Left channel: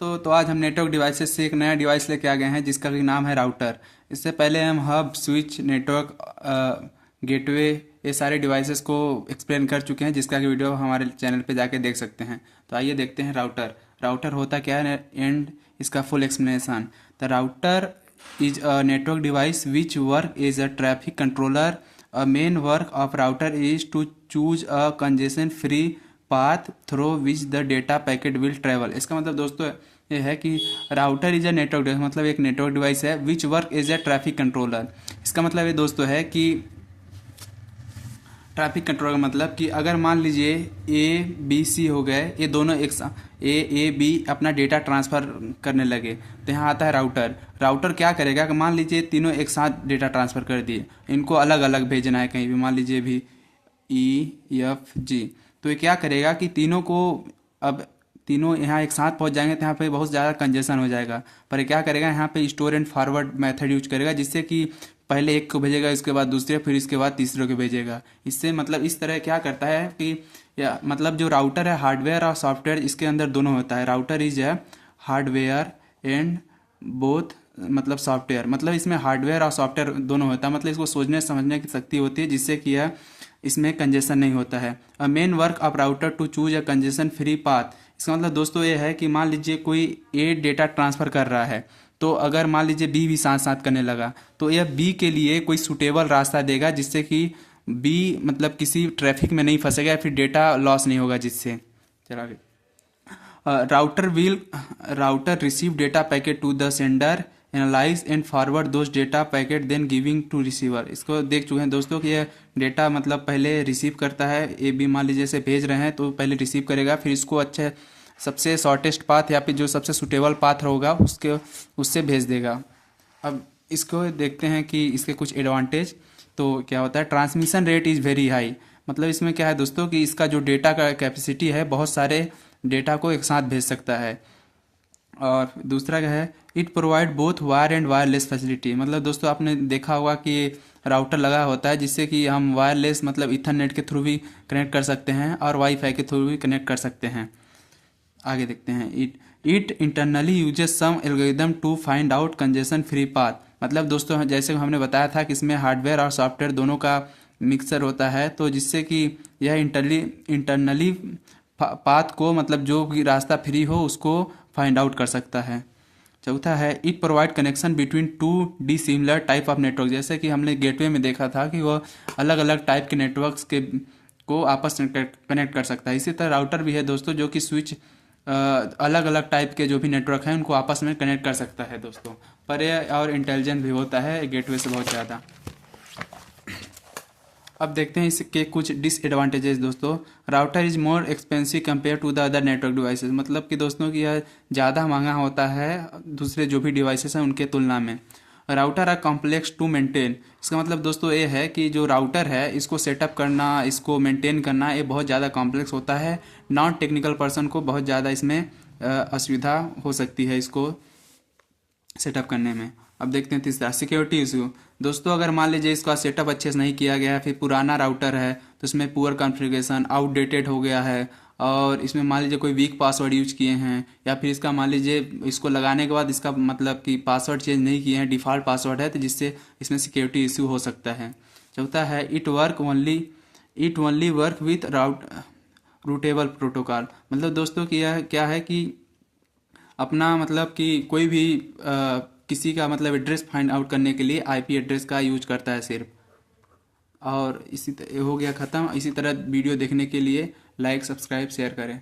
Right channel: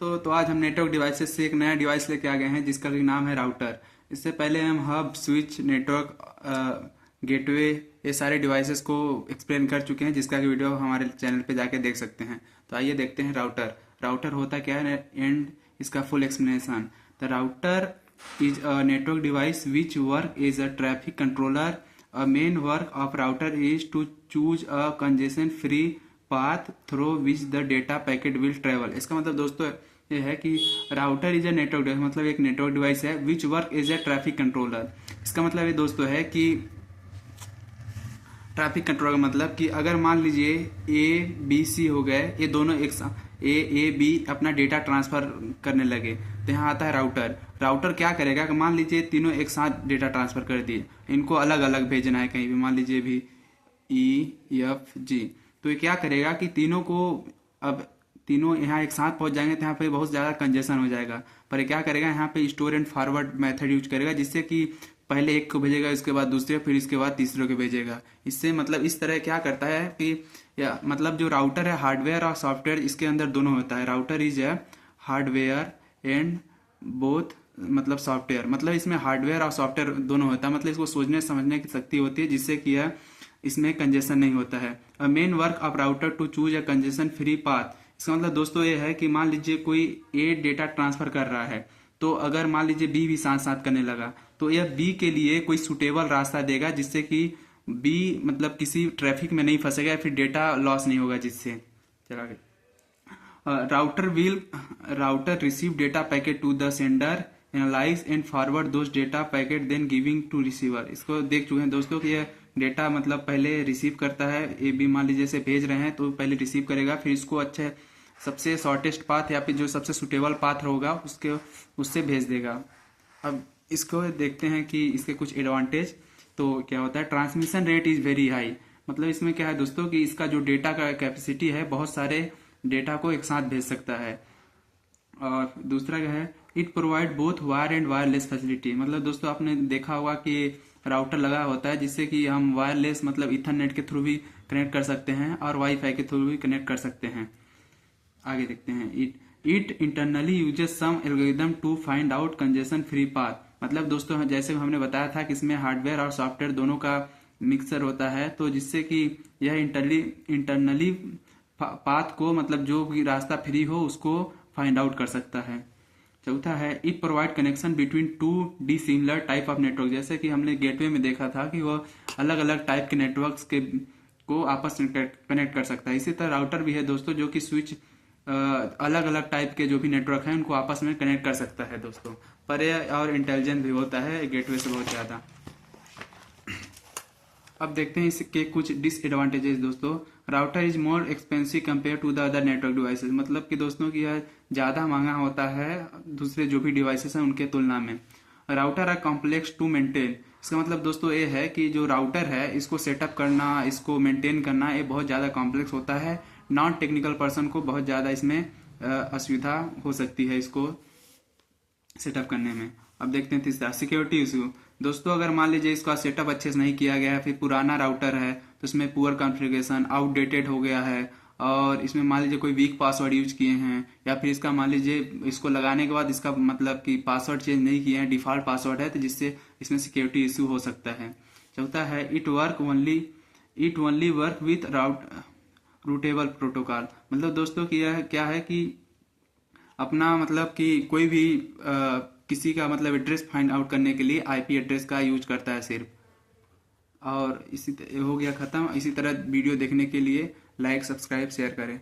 तो आज हम नेटवर्क डिवाइसेस से एक नया डिवाइस लेके आ गए हैं जिसका कि नाम है राउटर। इससे पहले हम हब, स्विच, नेटवर्क, गेटवे, ये सारे डिवाइसेस को एक्सप्लेन कर चुके हैं, जिसका कि वीडियो हमारे चैनल पे जाके देख सकते हैं। तो आइए देखते हैं राउटर। राउटर होता क्या है एंड इसका full explanation. The router is a network device which work is a traffic controller. A main work of router is to choose a congestion free path through which the data packet will travel. इसका मतलब दोस्तों ये है कि router is a network device, मतलब एक network device है which work is a traffic controller. इसका मतलब ये दोस्तों है कि ट्रैफिक कंट्रोल का मतलब कि अगर मान लीजिए ए बी सी हो गए, ये दोनों एक साथ ए बी अपना डेटा ट्रांसफ़र करने लगे, तो यहाँ आता है राउटर। राउटर क्या करेगा कि मान लीजिए तीनों एक साथ डेटा ट्रांसफ़र कर दिए, इनको अलग अलग भेजना है कहीं भी, मान लीजिए भी ई एफ जी। तो ये क्या करेगा कि तीनों को, अब तीनों यहाँ एक साथ पहुँच जाएंगे तो यहाँ पे बहुत ज़्यादा कंजेशन हो जाएगा। पर ये क्या करेगा, यहाँ पे store and forward method use करेगा, जिससे कि पहले एक को भेजेगा, इसके बाद दूसरे, फिर इसके बाद तीसरे को भेजेगा। इससे मतलब इस तरह क्या करता है कि या मतलब जो राउटर है हार्डवेयर और सॉफ्टवेयर इसके अंदर दोनों होता है। राउटर इज है हार्डवेयर एंड बोथ, मतलब सॉफ्टवेयर, मतलब इसमें हार्डवेयर और सॉफ्टवेयर दोनों होता है। मतलब इसको सोचने समझने की शक्ति होती है, जिससे कि यह इसमें कंजेशन नहीं होता है। A main work of router to choose a congestion free path. इसका मतलब दोस्तों ये है कि मान लीजिए कोई ए डेटा ट्रांसफ़र कर रहा है, तो अगर मान लीजिए बी भी साथ साथ करने लगा, तो यह बी के लिए कोई सुटेबल रास्ता देगा, जिससे कि बी मतलब किसी ट्रैफिक में नहीं फंसेगा या फिर डेटा लॉस नहीं होगा, जिससे चला गया। Router receive data packet to the sender, analyse and forward those data packet then giving to receiver. इसको देख चुके हैं दोस्तों कि यह डेटा मतलब पहले रिसीव करता है। ए बी मान लीजिए से भेज रहे हैं, तो पहले रिसीव करेगा, फिर इसको अच्छे सबसे शॉर्टेस्ट पाथ या फिर जो सबसे सुटेबल पाथ होगा उससे भेज देगा। अब इसको देखते हैं कि इसके कुछ एडवांटेज। तो क्या होता है, transmission rate is very high. मतलब इसमें क्या है दोस्तों कि इसका जो डेटा का कैपेसिटी है, बहुत सारे डेटा को एक साथ भेज सकता है। और दूसरा क्या है, it provide both wire and wireless facility. मतलब दोस्तों आपने देखा होगा कि राउटर लगा होता है, जिससे कि हम वायरलेस मतलब इथरनेट के थ्रू भी कनेक्ट कर सकते हैं और वाईफाई के थ्रू भी कनेक्ट कर सकते हैं। आगे देखते हैं, it internally uses some algorithm to find out congestion free path. मतलब दोस्तों जैसे हमने बताया था कि इसमें हार्डवेयर और सॉफ्टवेयर दोनों का मिक्सर होता है, तो जिससे कि यह इंटरनली पाथ को, मतलब जो भी रास्ता फ्री हो उसको फाइंड आउट कर सकता है। चौथा है, it provide connection between two D similar type of network. जैसे कि हमने गेटवे में देखा था कि वह अलग अलग टाइप के नेटवर्क्स के को आपस में कनेक्ट कर सकता है। इसी तरह राउटर भी है दोस्तों, जो कि स्विच अलग अलग टाइप के जो भी नेटवर्क हैं उनको आपस में कनेक्ट कर सकता है दोस्तों। पर यह और इंटेलिजेंट भी होता है गेटवे से बहुत ज़्यादा। अब देखते हैं इसके कुछ डिसएडवांटेजेस दोस्तों। Router is more expensive compare to the other network devices. मतलब कि दोस्तों कि यह ज़्यादा महंगा होता है दूसरे जो भी डिवाइसेस हैं उनके तुलना में। Router are complex to maintain. इसका मतलब दोस्तों ये है कि जो राउटर है इसको सेटअप करना, इसको मेंटेन करना, ये बहुत ज़्यादा कॉम्प्लेक्स होता है। नॉन टेक्निकल पर्सन को बहुत ज़्यादा इसमें असुविधा हो सकती है इसको सेटअप करने में। अब देखते हैं तीसरा, सिक्योरिटी इशू। दोस्तों अगर मान लीजिए इसका सेटअप अच्छे से नहीं किया गया है, फिर पुराना राउटर है तो इसमें पुअर कॉन्फ़िगरेशन, आउटडेटेड हो गया है, और इसमें मान लीजिए कोई वीक पासवर्ड यूज किए हैं, या फिर इसका मान लीजिए इसको लगाने के बाद इसका मतलब कि पासवर्ड चेंज नहीं किए हैं, डिफ़ॉल्ट पासवर्ड है, तो जिससे इसमें सिक्योरिटी इशू हो सकता है। चौथा है, it only work with routable protocol. मतलब दोस्तों कि यह क्या है कि अपना मतलब कि कोई भी किसी का मतलब एड्रेस फाइंड आउट करने के लिए आईपी एड्रेस का यूज करता है सिर्फ। और इसी हो गया ख़त्म। इसी तरह वीडियो देखने के लिए लाइक, सब्सक्राइब, शेयर करें।